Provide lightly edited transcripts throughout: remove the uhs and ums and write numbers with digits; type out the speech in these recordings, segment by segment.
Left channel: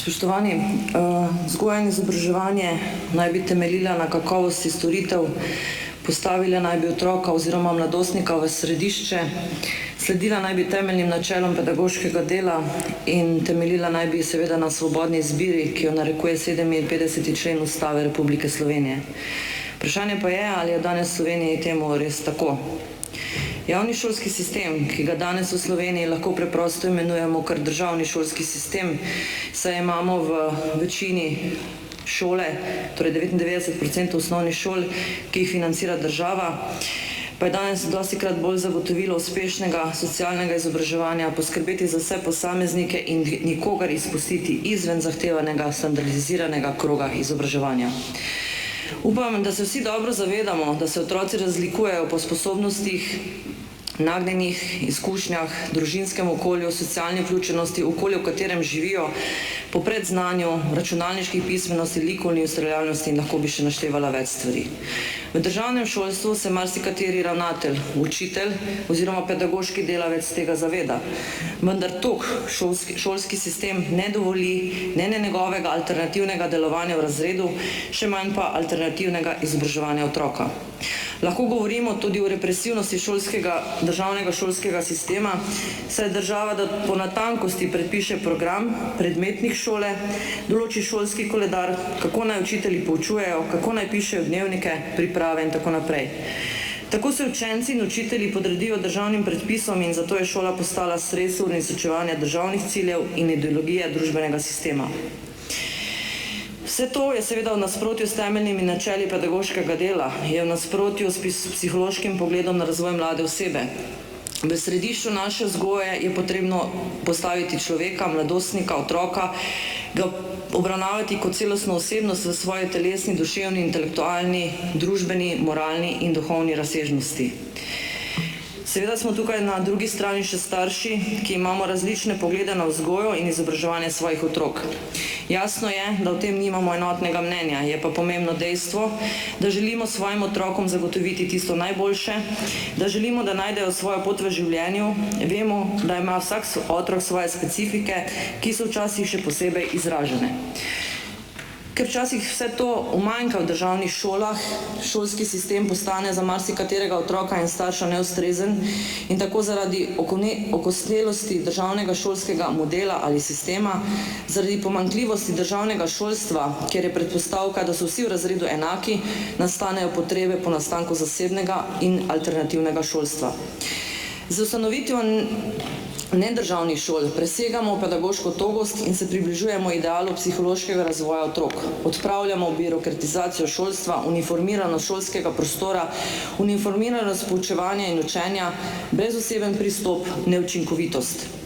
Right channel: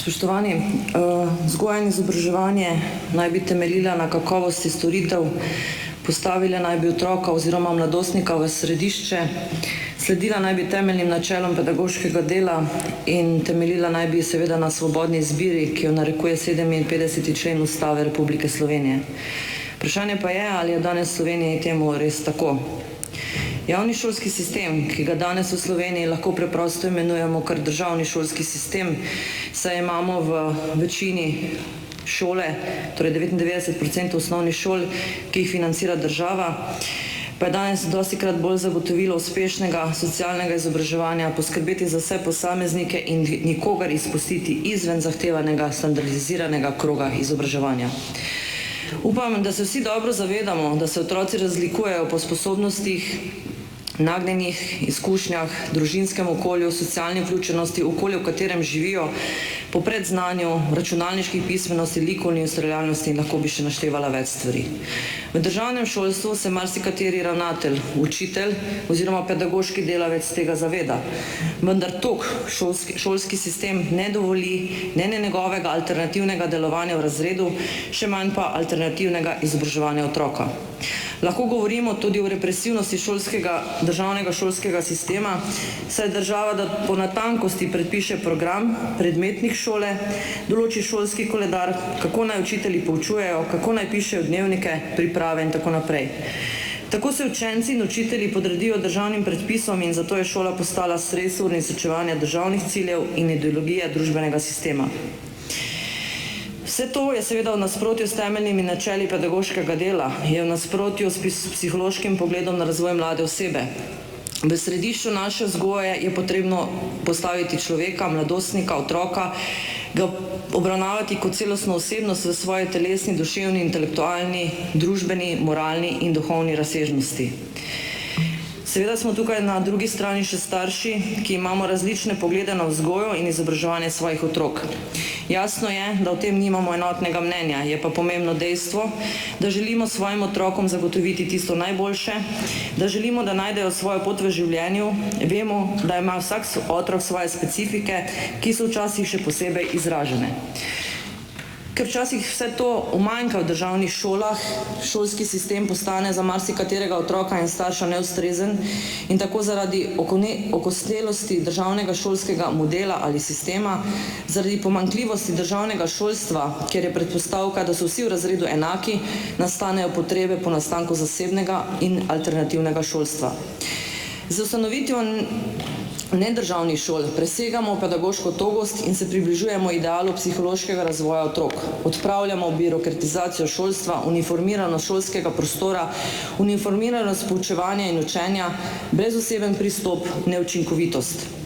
Spoštovani, vzgoja in izobraževanje naj bi temeljila na kakovosti storitev, postavila naj bi otroka oziroma mladostnika v središče, sledila naj bi temeljnim načelom pedagoškega dela in temeljila naj bi seveda na svobodni izbiri, ki jo narekuje 57. člen Ustave Republike Slovenije. Vprašanje pa je, ali je danes v Sloveniji temu res tako. Javni šolski sistem, ki ga danes v Sloveniji lahko preprosto imenujemo kar državni šolski sistem, saj imamo v večini šole, torej 99% osnovnih šol, ki jih financira država, pa je danes dostikrat bolj zagotovilo uspešnega socialnega izobraževanja, poskrbeti za vse posameznike in nikogar izpustiti izven zahtevanega standardiziranega kroga izobraževanja. Upam, da se vsi dobro zavedamo, da se otroci razlikujejo po sposobnostih, nagnjenih izkušnjah, družinskem okolju, socialni vključenosti, okolju, v katerem živijo, po predznanju, računalniških pismenosti, likovni ustvarjalnosti in lahko bi še naštevala več stvari. V državnem šolstvu se marsikateri ravnatelj, učitelj oziroma pedagoški delavec tega zaveda. Vendar šolski sistem ne dovoli ne njegovega alternativnega delovanja v razredu, še manj pa alternativnega izobraževanja otroka. Lahko govorimo tudi o represivnosti državnega šolskega sistema, saj država po natankosti predpiše program predmetnih šole, določi šolski koledar, kako naj učitelji poučujejo, kako naj pišejo dnevnike, priprave in tako naprej. Tako se učenci in učitelji podredijo državnim predpisom in zato je šola postala sredstvo uresničevanja državnih ciljev in ideologije družbenega sistema. Vse to je seveda v nasprotju s temeljnimi načeli pedagoškega dela, je v nasprotju s psihološkim pogledom na razvoj mlade osebe. V središču naše vzgoje je potrebno postaviti človeka, mladostnika, otroka, ga obravnavati kot celostno osebnost v svoji telesni, duševni, intelektualni, družbeni, moralni in duhovni razsežnosti. Seveda smo tukaj na drugi strani še starši, ki imamo različne poglede na vzgojo in izobraževanje svojih otrok. Jasno je, da o tem nimamo enotnega mnenja, je pa pomembno dejstvo, da želimo svojim otrokom zagotoviti tisto najboljše, da želimo, da najdejo svojo pot v življenju, vemo, da ima vsak otrok svoje specifike, ki so včasih še posebej izražene. Ker včasih vse to umanjka v državnih šolah, šolski sistem postane za marsikaterega otroka in starša neustrezen in tako zaradi okostelosti državnega šolskega modela ali sistema, zaradi pomanjkljivosti državnega šolstva, kjer je predpostavka, da so vsi v razredu enaki, nastanejo potrebe po nastanku zasebnega in alternativnega šolstva. Z ustanovitvijo nedržavnih šol presegamo pedagoško togost in se približujemo idealu psihološkega razvoja otrok. Odpravljamo birokratizacijo šolstva, uniformiranost šolskega prostora, uniformiranost poučevanja in učenja, brezoseben pristop, neučinkovitost.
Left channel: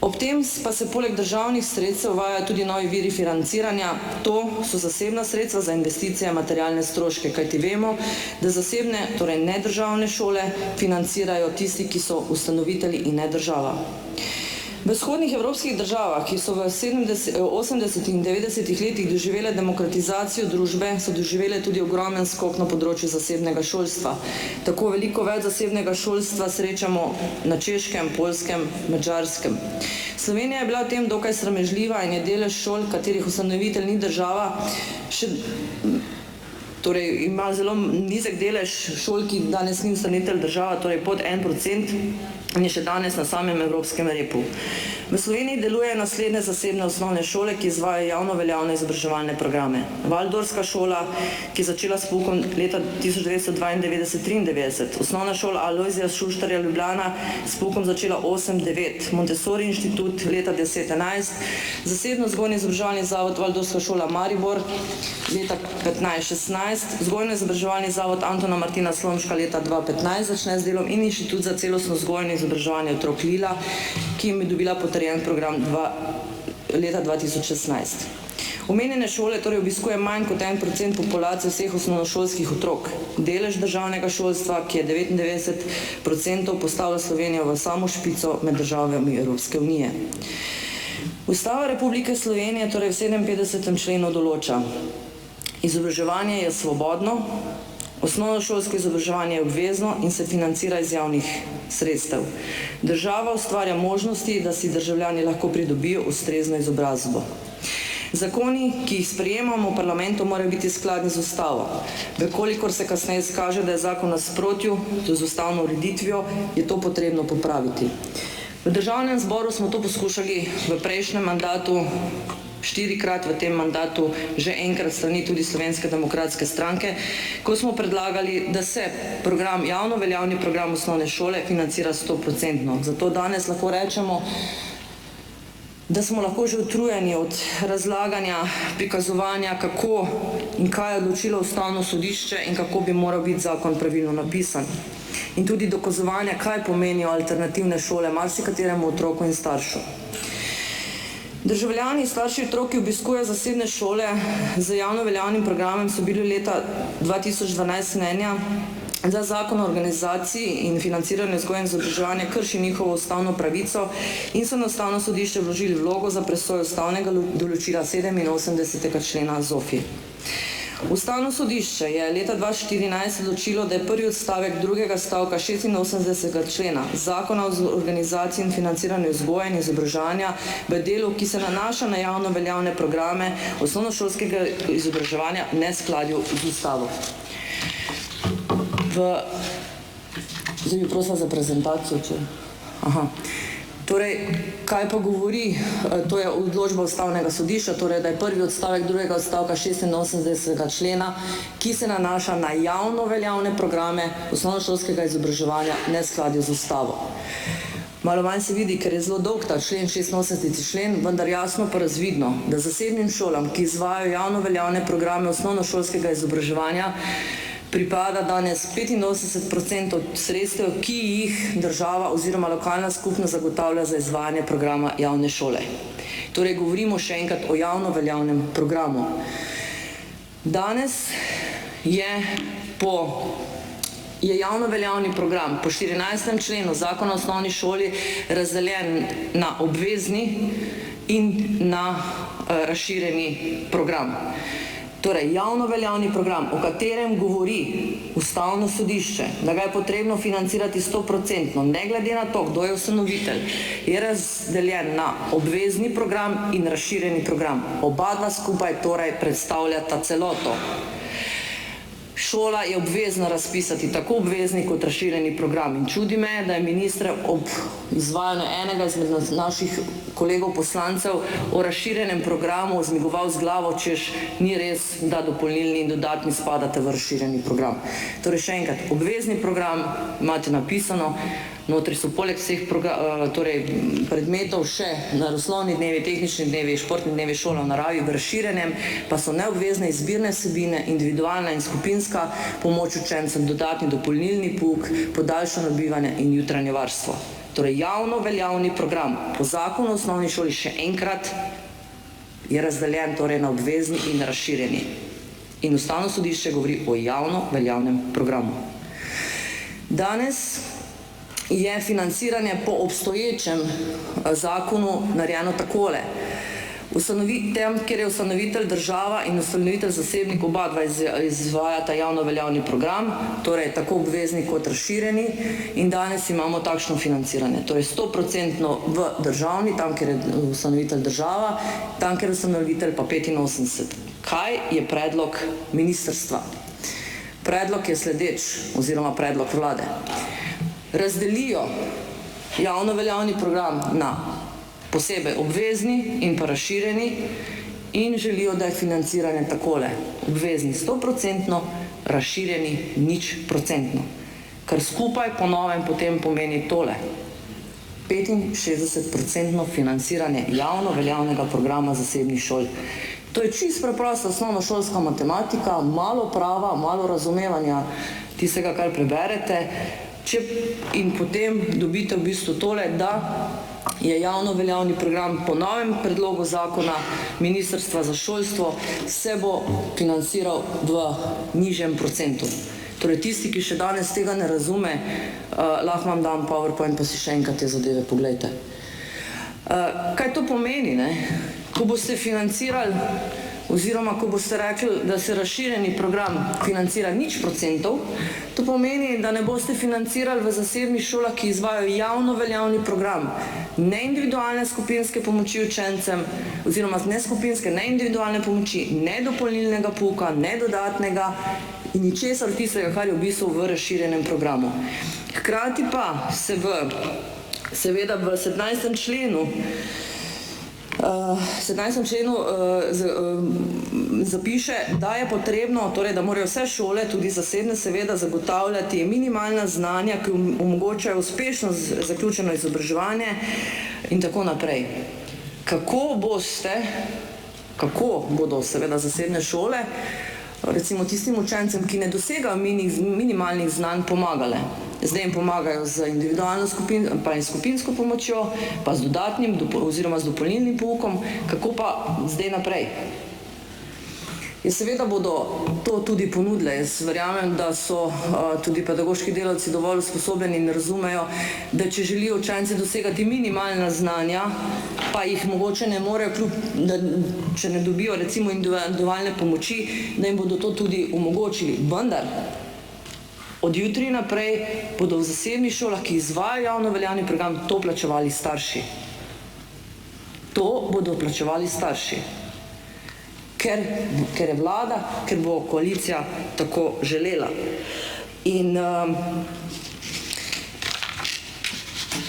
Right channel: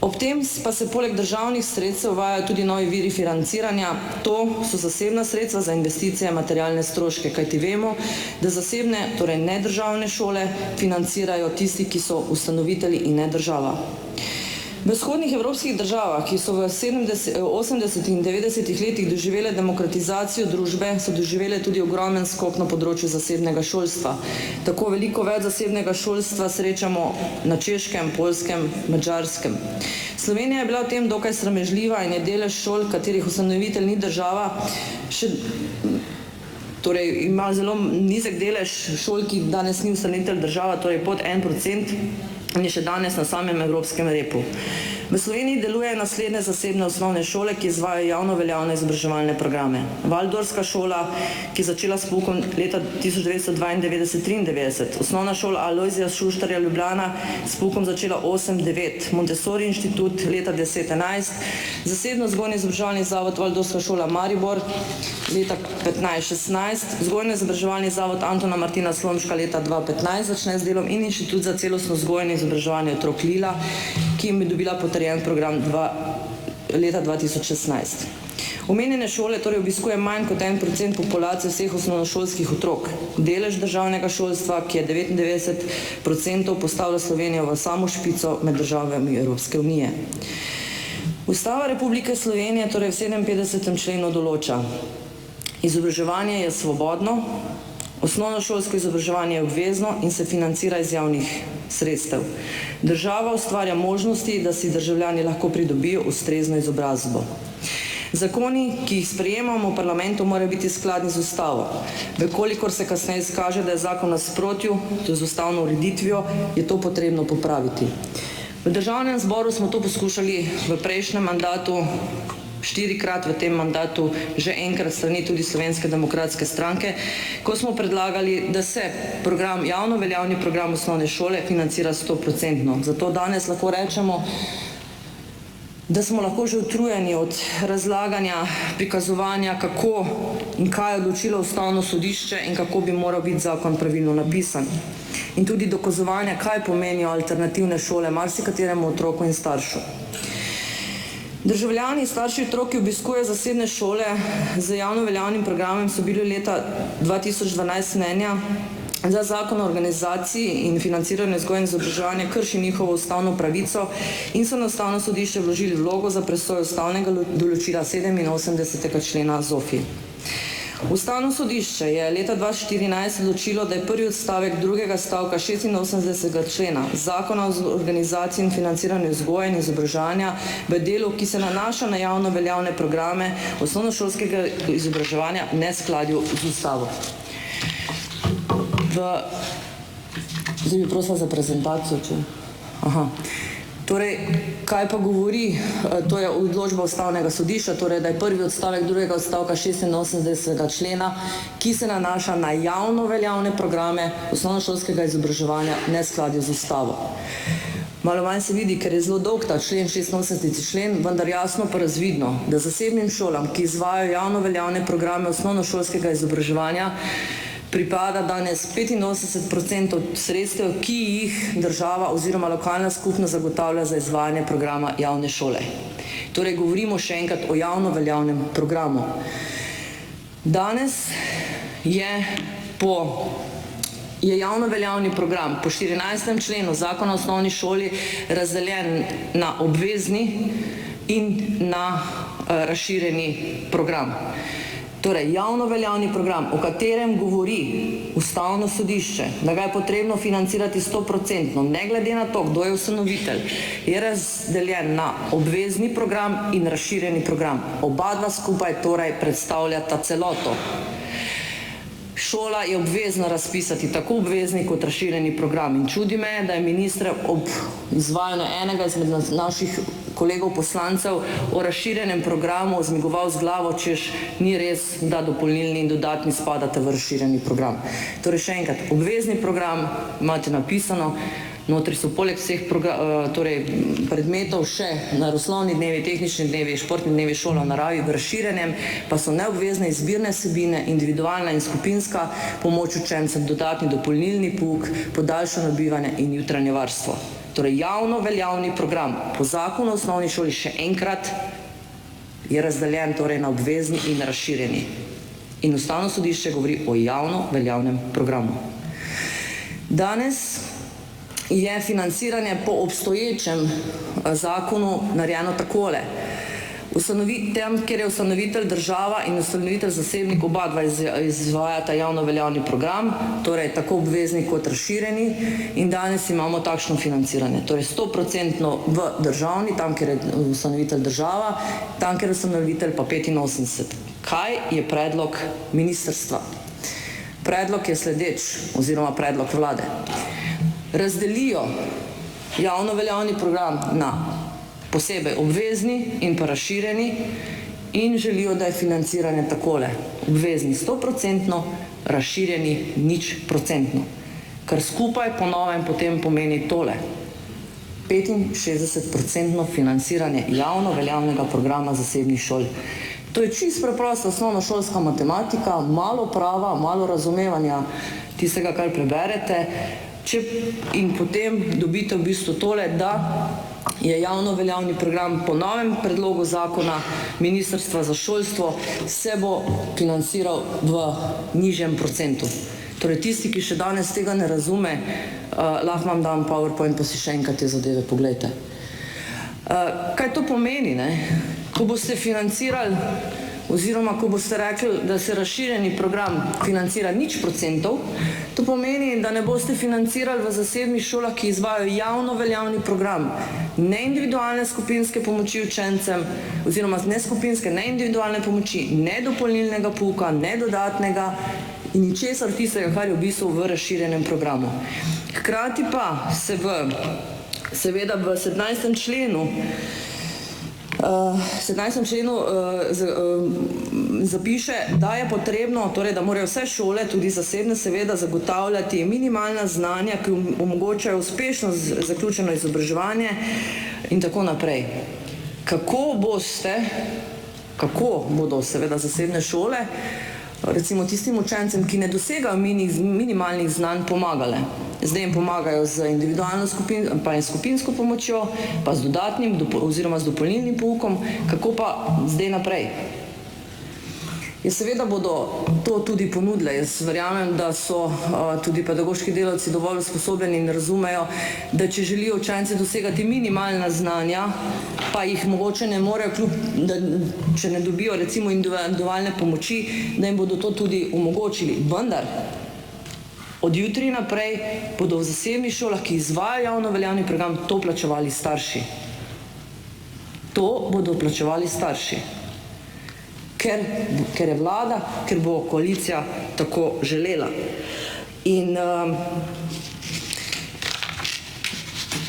Ob tem pa se poleg državnih sredstev uvajajo tudi novi viri financiranja, to so zasebna sredstva za investicije, materialne stroške, kajti vemo, da zasebne, torej nedržavne šole financirajo tisti, ki so ustanovitelji in ne država. V vzhodnih evropskih državah, ki so v 80. in 90. letih doživele demokratizacijo družbe, so doživele tudi ogromen skok na področju zasebnega šolstva. Tako veliko več zasebnega šolstva srečamo na Češkem, Poljskem, Madžarskem. Slovenija je bila v tem dokaj sramežljiva in je delež šol, katerih ustanovitelj ni država, torej ima zelo nizek delež šol, ki danes ni ustanovitelj država, torej pod 1%, in je še danes na samem evropskem repu. V Sloveniji deluje naslednje zasebne osnovne šole, ki izvajajo javno veljavne izobraževalne programe. Valdorska šola, ki je začela s poukom leta 1992-93, osnovna šola Alojzija Šuštarja Ljubljana s poukom začela 8-9, Montessori inštitut leta 10-11, zasebno vzgojni izobraževalni zavod Valdorska šola Maribor leta 15-16, vzgojno izobraževalni zavod Antona Martina Slomška leta 2015 začne z delom in inštitut za celostno vzgojno izobraževanje otrok Lila, ki jim je dobila potrjen program leta 2016. Omenjene šole torej obiskuje manj kot 1% populacije vseh osnovnošolskih otrok. Delež državnega šolstva, ki je 99%, postavlja Slovenijo v samo špico med državami Evropske unije. Ustava Republike Slovenije torej v 57. členu določa: izobraževanje je svobodno, Osnovnošolsko izobraževanje je obvezno in se financira iz javnih sredstev. Država ustvarja možnosti, da si državljani lahko pridobijo ustrezno izobrazbo. Zakoni, ki jih sprejemamo v parlamentu, morajo biti skladni z ustavo. Vekolikor se kasneje izkaže, da je zakon v nasprotju z ustavno ureditvijo, je to potrebno popraviti. V Državnem zboru smo to poskušali v prejšnjem mandatu, 4-krat v tem mandatu, že enkrat strani tudi Slovenske demokratske stranke, ko smo predlagali, da se javno veljavni program osnovne šole financira 100%. Zato danes lahko rečemo, da smo lahko že utrujeni od razlaganja, prikazovanja, kako in kaj je odločilo Ustavno sodišče in kako bi moral biti zakon pravilno napisan. In tudi dokazovanja, kaj pomenijo alternativne šole marsikateremu otroku in staršu. Državljani, starši otrok, ki obiskujejo zasebne šole z javno veljavnim programom, so bili leta 2012 mnenja, da zakon o organizaciji in financiranju vzgoje in izobraževanja krši njihovo ustavno pravico in so na Ustavno sodišče vložili vlogo za presojo ustavnega določila 87. člena ZOFVI. Ustavno sodišče je leta 2014 odločilo, da je prvi odstavek drugega stavka 86. člena Zakona o organizaciji in financiranju vzgoje in izobraževanja v delu, ki se nanaša na javno veljavne programe osnovnošolskega izobraževanja, v neskladju z ustavo. Zdaj bi prosila za prezentacijo, če... Torej, kaj pa govori, to je odločba Ustavnega sodišča, torej, da je prvi odstavek drugega odstavka 86. člena, ki se nanaša na javno veljavne programe osnovnošolskega izobraževanja, v neskladju z ustavo. Malo manj se vidi, ker je zelo dolg ta člen, 86. člen, vendar jasno pa razvidno, da zasebnim šolam, ki izvajajo javno veljavne programe osnovnošolskega izobraževanja, pripada danes 85% sredstev, ki jih država oziroma lokalna skupnost zagotavlja za izvajanje programa javne šole. Torej, govorimo še enkrat o javno veljavnem programu. Danes je javno veljavni program po 14. členu Zakona o osnovni šoli razdeljen na obvezni in na razširjeni program. Torej, javno veljavni program, o katerem govori Ustavno sodišče, da ga je potrebno financirati 100%, ne glede na to, kdo je ustanovitelj, je razdeljen na obvezni program in razširjeni program. Oba dva skupaj torej predstavljata celoto. Šola je obvezna razpisati tako obvezni kot razširjeni program in čudi me, da je minister ob izvajanju enega izmed naših kolegov poslancev o razširjenem programu zmigoval z glavo, češ ni res, da dopolnilni in dodatni spadate v razširjeni program. Torej, še enkrat, obvezni program imate napisano, notri so poleg vseh predmetov še naravoslovni dnevi, tehnični dnevi, športni dnevi, šola v naravi, v razširjenem pa so neobvezne izbirne vsebine, individualna in skupinska pomoč učencem, dodatni dopolnilni pouk, podaljšano bivanje in jutranje varstvo. Torej, javno veljavni program po zakonu o osnovni šoli še enkrat je razdeljen torej na obvezni in razširjeni. In Ustavno sodišče govori o javno veljavnem programu. Danes je financiranje po obstoječem zakonu narejeno takole. Tam, kjer je ustanovitelj država in ustanovitelj zasebnik, oba dva izvajata javno veljavni program, torej tako obvezni kot razširjeni, in danes imamo takšno financiranje. Torej 100% v državni, tam, kjer je ustanovitelj država, tam, kjer je ustanovitelj pa 85%. Kaj je predlog ministrstva? Predlog je sledeč, oziroma predlog vlade. Razdelijo javno veljavni program na posebej obvezni in pa razširjeni in želijo, da je financiranje takole. Obvezni 100%, razširjeni 0%. Kar skupaj po novem potem pomeni tole. 65% financiranje javno veljavnega programa zasebnih šol. To je čisto preprosta osnovnošolska matematika, malo prava, malo razumevanja tistega, kar preberete, in potem dobite v bistvu tole, da je javno veljavni program po novem predlogu zakona Ministrstva za šolstvo se bo financiral v nižjem procentu. Torej, tisti, ki še danes tega ne razume, lahko vam dam PowerPoint, pa si še enkrat te zadeve poglejte. Kaj to pomeni, ne? Ko boste financirali oziroma ko boste rekli, da se razširjeni program financira 0%, to pomeni, da ne boste financirali v zasebnih šolah, ki izvajajo javno veljavni program, ne individualne skupinske pomoči učencem, oziroma ne skupinske, ne individualne pomoči, ne dopolnilnega pouka, ne dodatnega in ničesar tistega, kar je v bistvu v razširjenem programu. Hkrati pa se seveda v 17. členu zapiše, da je potrebno, torej da morajo vse šole, tudi zasebne seveda, zagotavljati minimalna znanja, ki omogočajo uspešno zaključeno izobraževanje in tako naprej. Kako bodo seveda zasebne šole recimo tistim učencem, ki ne dosegajo minimalnih znanj, pomagale? Zdaj jim pomagajo z individualno pa in skupinsko pomočjo, pa z dodatnim oziroma z dopolnilnim poukom, kako pa zdaj naprej? Seveda bodo to tudi ponudile. Jaz verjamem, da so tudi pedagoški delavci dovolj usposobljeni in razumejo, da če želijo učenci dosegati minimalna znanja, pa jih mogoče ne morejo, če ne dobijo recimo individualne pomoči, da jim bodo to tudi omogočili. Vendar od jutri naprej bodo v zasebnih šolah, ki izvajajo javno veljavni program, to plačevali starši. To bodo plačevali starši. Ker je vlada, ker bo koalicija tako želela. In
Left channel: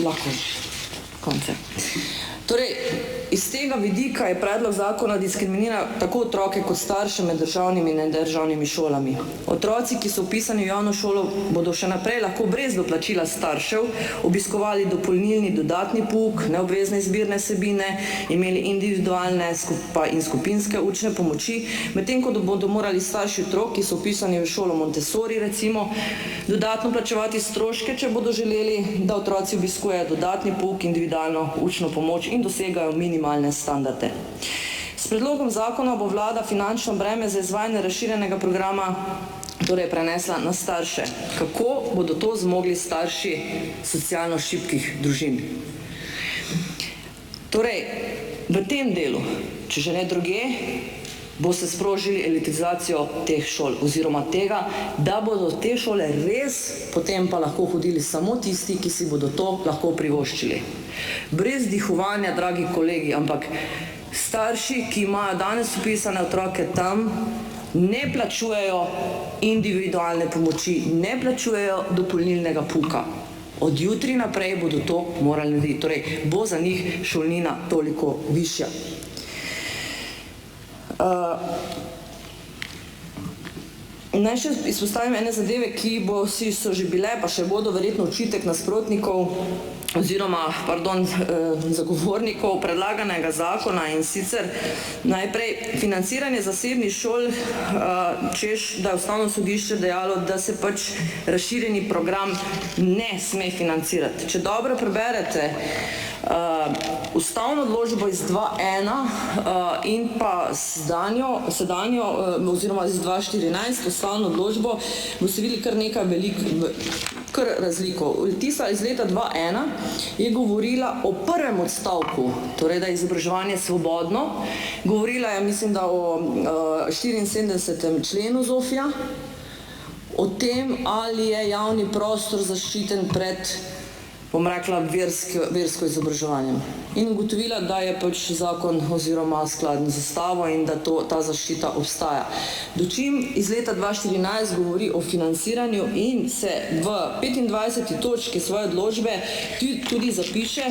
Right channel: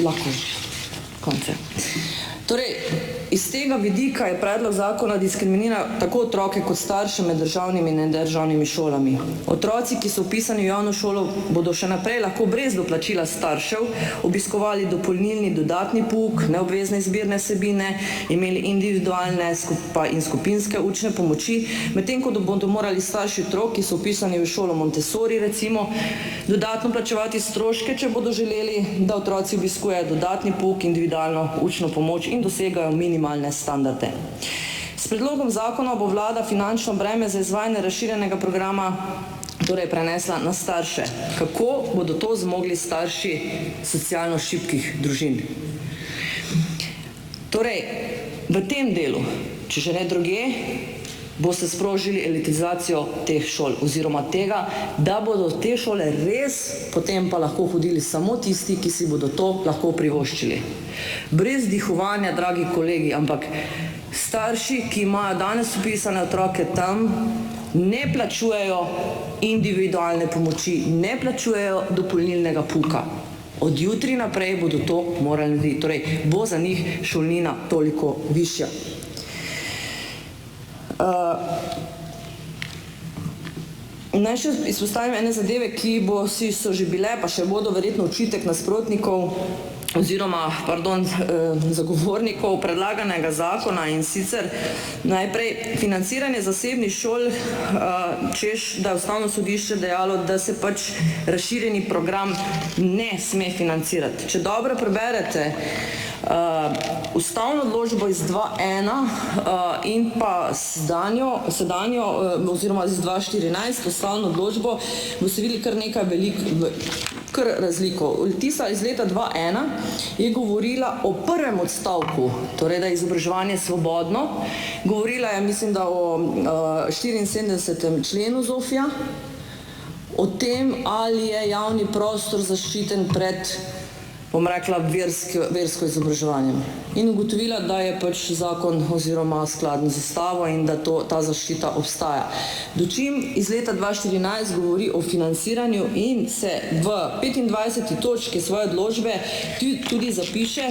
lahko konce. Torej, iz tega vidika je predlog zakona diskriminira tako otroke kot starše med državnimi in nedržavnimi šolami. Otroci, ki so vpisani v javno šolo, bodo še naprej lahko brez doplačila staršev obiskovali dopolnilni dodatni pouk, neobvezne izbirne vsebine, imeli individualne in skupinske učne pomoči, medtem ko bodo morali starši otrok, ki so vpisani v šolo Montessori recimo, dodatno plačevati stroške, če bodo želeli, da otroci obiskujejo dodatni pouk, individualno učno pomoč in dosegajo minimalne standarde. S predlogom zakona bo vlada finančno breme za izvajanje razširjenega programa torej prenesla na starše. Kako bodo to zmogli starši socialno šibkih družin? Torej, v tem delu, če že ne drugje, boste sprožili elitizacijo teh šol oziroma tega, da bodo te šole res potem pa lahko hodili samo tisti, ki si bodo to lahko privoščili. Brez dihovanja, dragi kolegi, ampak starši, ki imajo danes vpisane otroke tam, ne plačujejo individualne pomoči, ne plačujejo dopolnilnega pouka. Od jutri naprej bodo to morali narediti, torej bo za njih šolnina toliko višja. Naj še izpostavim ene zadeve, ki so že bile, pa še bodo verjetno očitek nasprotnikov oziroma, zagovornikov predlaganega zakona, in sicer najprej financiranje zasebnih šol, češ, da je Ustavno sodišče dejalo, da se pač razširjeni program ne sme financirati. Če dobro preberete ustavno odločbo iz 2.1 in pa sedanjo oziroma iz 2.14 ustavno odločbo, boste videli kar nekaj kar razliko. Tista iz leta 2.1 je govorila o prvem odstavku, torej da je izobraževanje svobodno. Govorila je, mislim, da o 74. členu ZOFVI-ja, o tem, ali je javni prostor zaščiten pred, bom rekla, versko izobraževanjem. In ugotovila, da je pač zakon oziroma skladen z ustavo in da ta zaščita obstaja. Dočim iz leta 2014 govori o financiranju in se v 25. točki svoje odločbe tudi zapiše:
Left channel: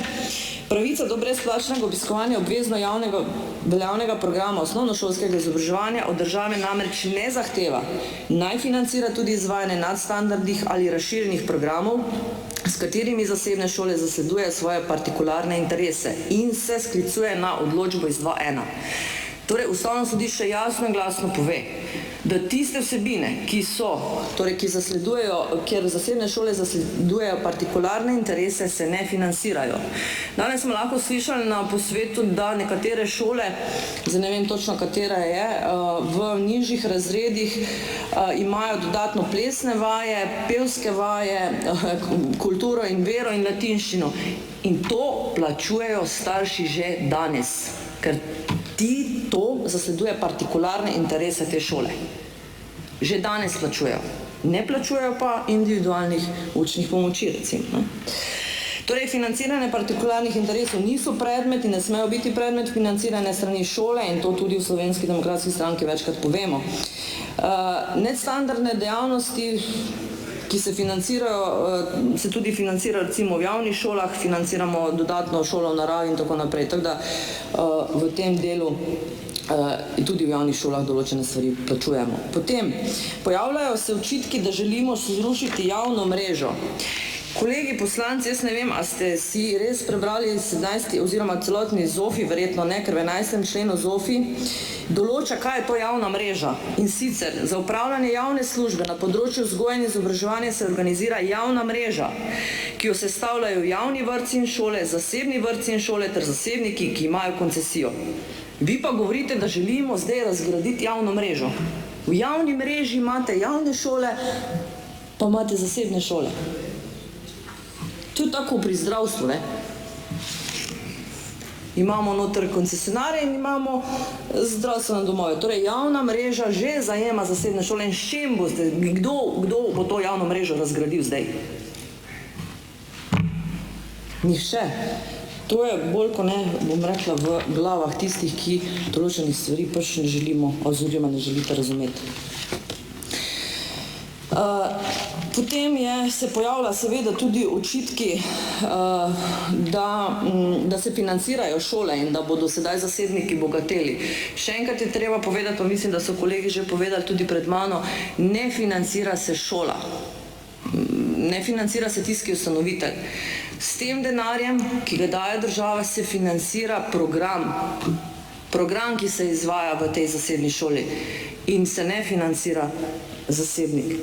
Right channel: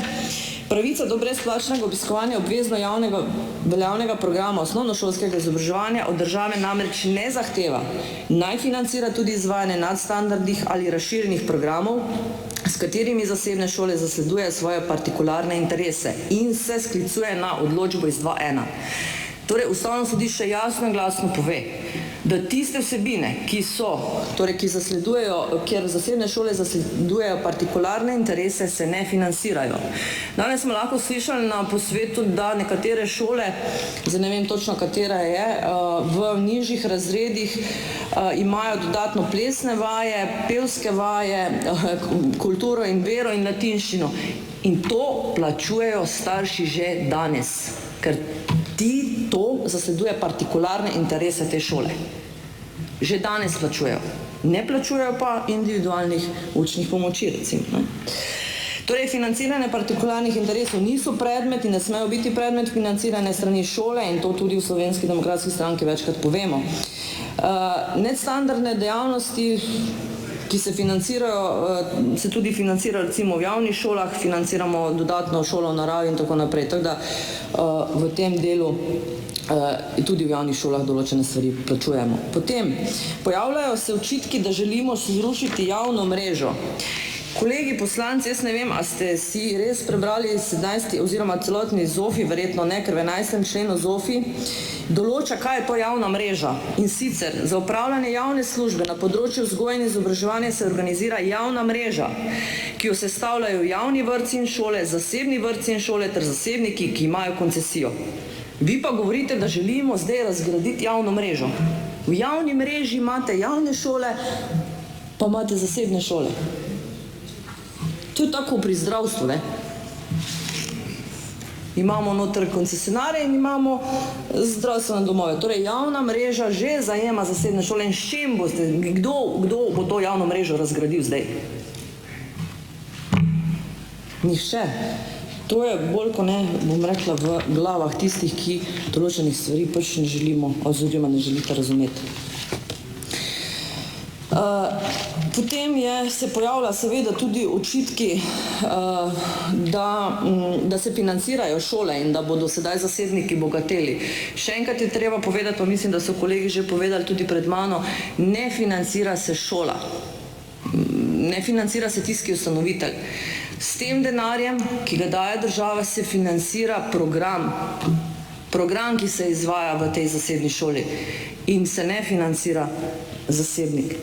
pravica do brezplačnega obiskovanja obvezno javnega veljavnega programa osnovnošolskega izobraževanja od države namreč ne zahteva, naj financira tudi izvajanje nadstandardnih ali razširjenih programov, s katerimi zasebne šole zasleduje svoje partikularne interese in se sklicuje na odločbo iz 2.1. Torej, Ustavno sodišče jasno in glasno pove, da tiste vsebine, ki zasledujejo, kjer zasebne šole zasledujejo partikularne interese, se ne financirajo. Danes smo lahko slišali na posvetu, da nekatere šole, zdaj ne vem točno katera je, v nižjih razredih imajo dodatno plesne vaje, pevske vaje, kulturo in vero in latinščino. In to plačujejo starši že danes, ker To zasleduje partikularne interese te šole. Že danes plačujejo. Ne plačujejo pa individualnih učnih pomoči, recimo. Ne. Torej, financiranje partikularnih interesov niso predmet in ne smejo biti predmet financiranja strani šole in to tudi v Slovenski demokratski stranki večkrat povemo. Nadstandardne dejavnosti, ki se financirajo, se tudi financirajo recimo v javnih šolah, financiramo dodatno šolo v naravi in tako naprej. Tako da v tem delu tudi v javnih šolah določene stvari plačujemo. Potem pojavljajo se očitki, da želimo zrušiti javno mrežo. Kolegi poslanci, jaz ne vem, a ste si res prebrali 17. oziroma celotni ZOFI, verjetno ne, ker v 11. členu ZOFI določa, kaj je to javna mreža. In sicer za upravljanje javne službe na področju vzgoje in izobraževanja se organizira javna mreža, ki jo sestavljajo javni vrtci in šole, zasebni vrtci in šole ter zasebniki, ki imajo koncesijo. Vi pa govorite, da želimo zdaj razgraditi javno mrežo. V javni mreži imate javne šole, pa imate zasebne šole. To je tako pri zdravstvu, ne? Imamo noter koncesionarje in imamo zdravstvene domove. Torej, javna mreža že zajema zasebne šole in s čim boste, kdo bo to javno mrežo razgradil zdaj? Nihče. To je bolj, ko ne, bom rekla, v glavah tistih, ki določenih stvari pač ne želimo, oziroma ne želite razumeti. Potem se pojavlja seveda tudi očitki, da se financirajo šole in da bodo sedaj zasebniki bogateli. Še enkrat je treba povedati, pa mislim, da so kolegi že povedali tudi pred mano, ne financira se šola. Ne financira se tisti ustanovitelj. S tem denarjem, ki ga daje država, se financira program. Program, ki se izvaja v tej zasebni šoli in se ne financira zasebnik.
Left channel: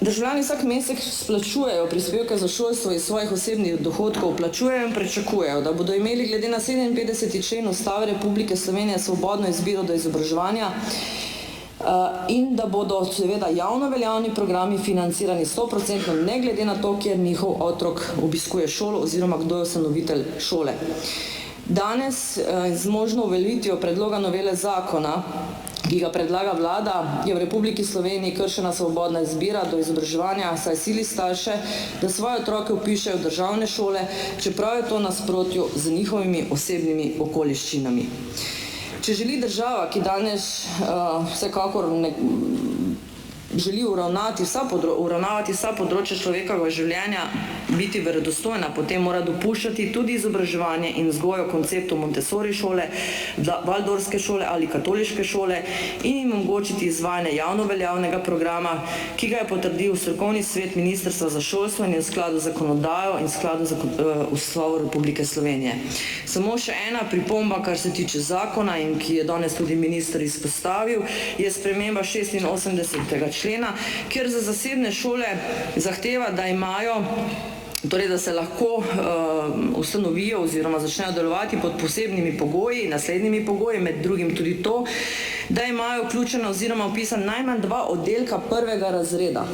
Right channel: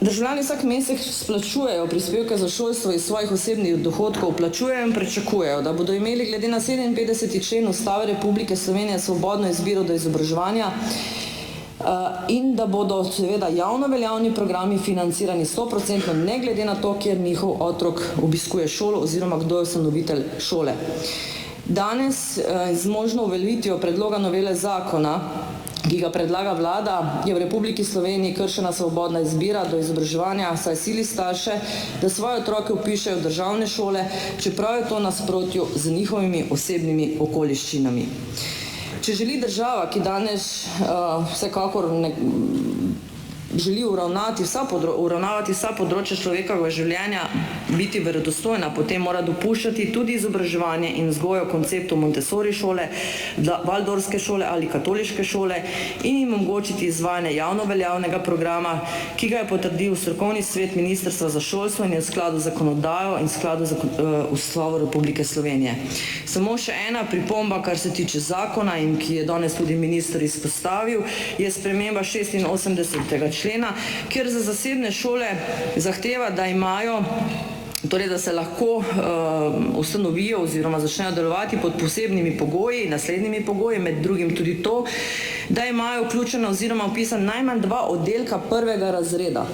Državljani vsak mesec splačujejo prispevke za šolstvo iz svojih osebnih dohodkov, plačujejo in pričakujejo, da bodo imeli glede na 57. člen Ustave Republike Slovenije svobodno izbiro do izobraževanja in da bodo seveda javno veljavni programi financirani 100%, ne glede na to, kjer njihov otrok obiskuje šolo oziroma kdo je ustanovitelj šole. Danes z možno uveljavitvijo predloga novele zakona, ki ga predlaga vlada, je v Republiki Sloveniji kršena svobodna izbira do izobraževanja, saj sili starše, da svoje otroke vpišejo v državne šole, čeprav je to v nasprotju z njihovimi osebnimi okoliščinami. Če želi država, ki danes vsekakor želi uravnavati vsa področja človekovega življenja, biti verodostojna, potem mora dopuščati tudi izobraževanje in vzgojo konceptu Montessori šole, Valdorske šole ali katoliške šole in jim omogočiti izvajanje javno veljavnega programa, ki ga je potrdil strokovni svet Ministrstva za šolstvo in je v skladu z zakonodajo in v skladu z Ustavo Republike Slovenije. Samo še ena pripomba, kar se tiče zakona in ki je danes tudi minister izpostavil, je sprememba 86. člena, kjer za zasebne šole zahteva, da imajo, torej da se lahko ustanovijo oziroma začnejo delovati pod posebnimi pogoji, naslednjimi pogoji, med drugim tudi to, da imajo vključeno oziroma vpisan najmanj 2 oddelka 1. razreda.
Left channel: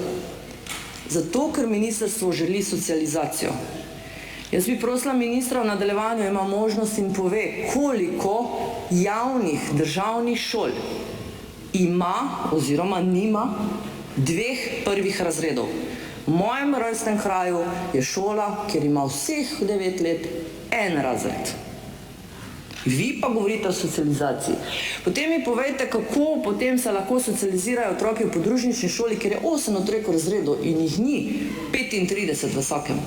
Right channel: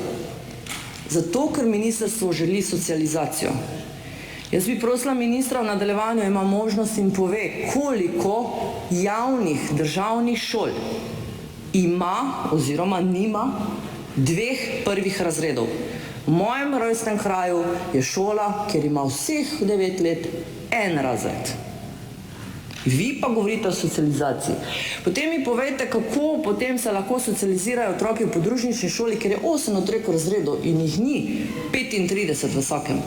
Zato, ker ministrstvo želi socializacijo. Jaz bi prosila ministra v nadaljevanju, ima možnost in pove, koliko javnih državnih šol ima oziroma nima 2 prvih razredov. V mojem rojstnem kraju je šola, kjer ima vseh 9 let 1 razred. Vi pa govorite o socializaciji. Potem mi povejte, kako potem se lahko socializirajo otroki v podružnični šoli, kjer je 8 otrok razredov in jih ni 35 v vsakem.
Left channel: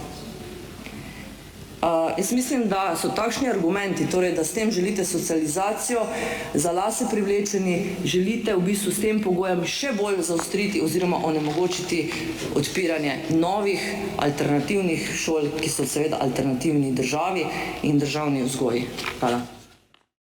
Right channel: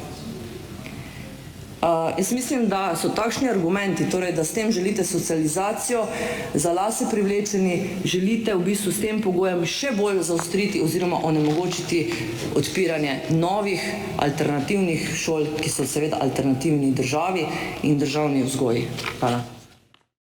Jaz mislim, da so takšni argumenti, torej, da s tem želite socializacijo, za lase privlečeni, želite v bistvu s tem pogojem še bolj zaostriti oziroma onemogočiti odpiranje novih alternativnih šol, ki so seveda alternativni državi in državni vzgoji. Hvala.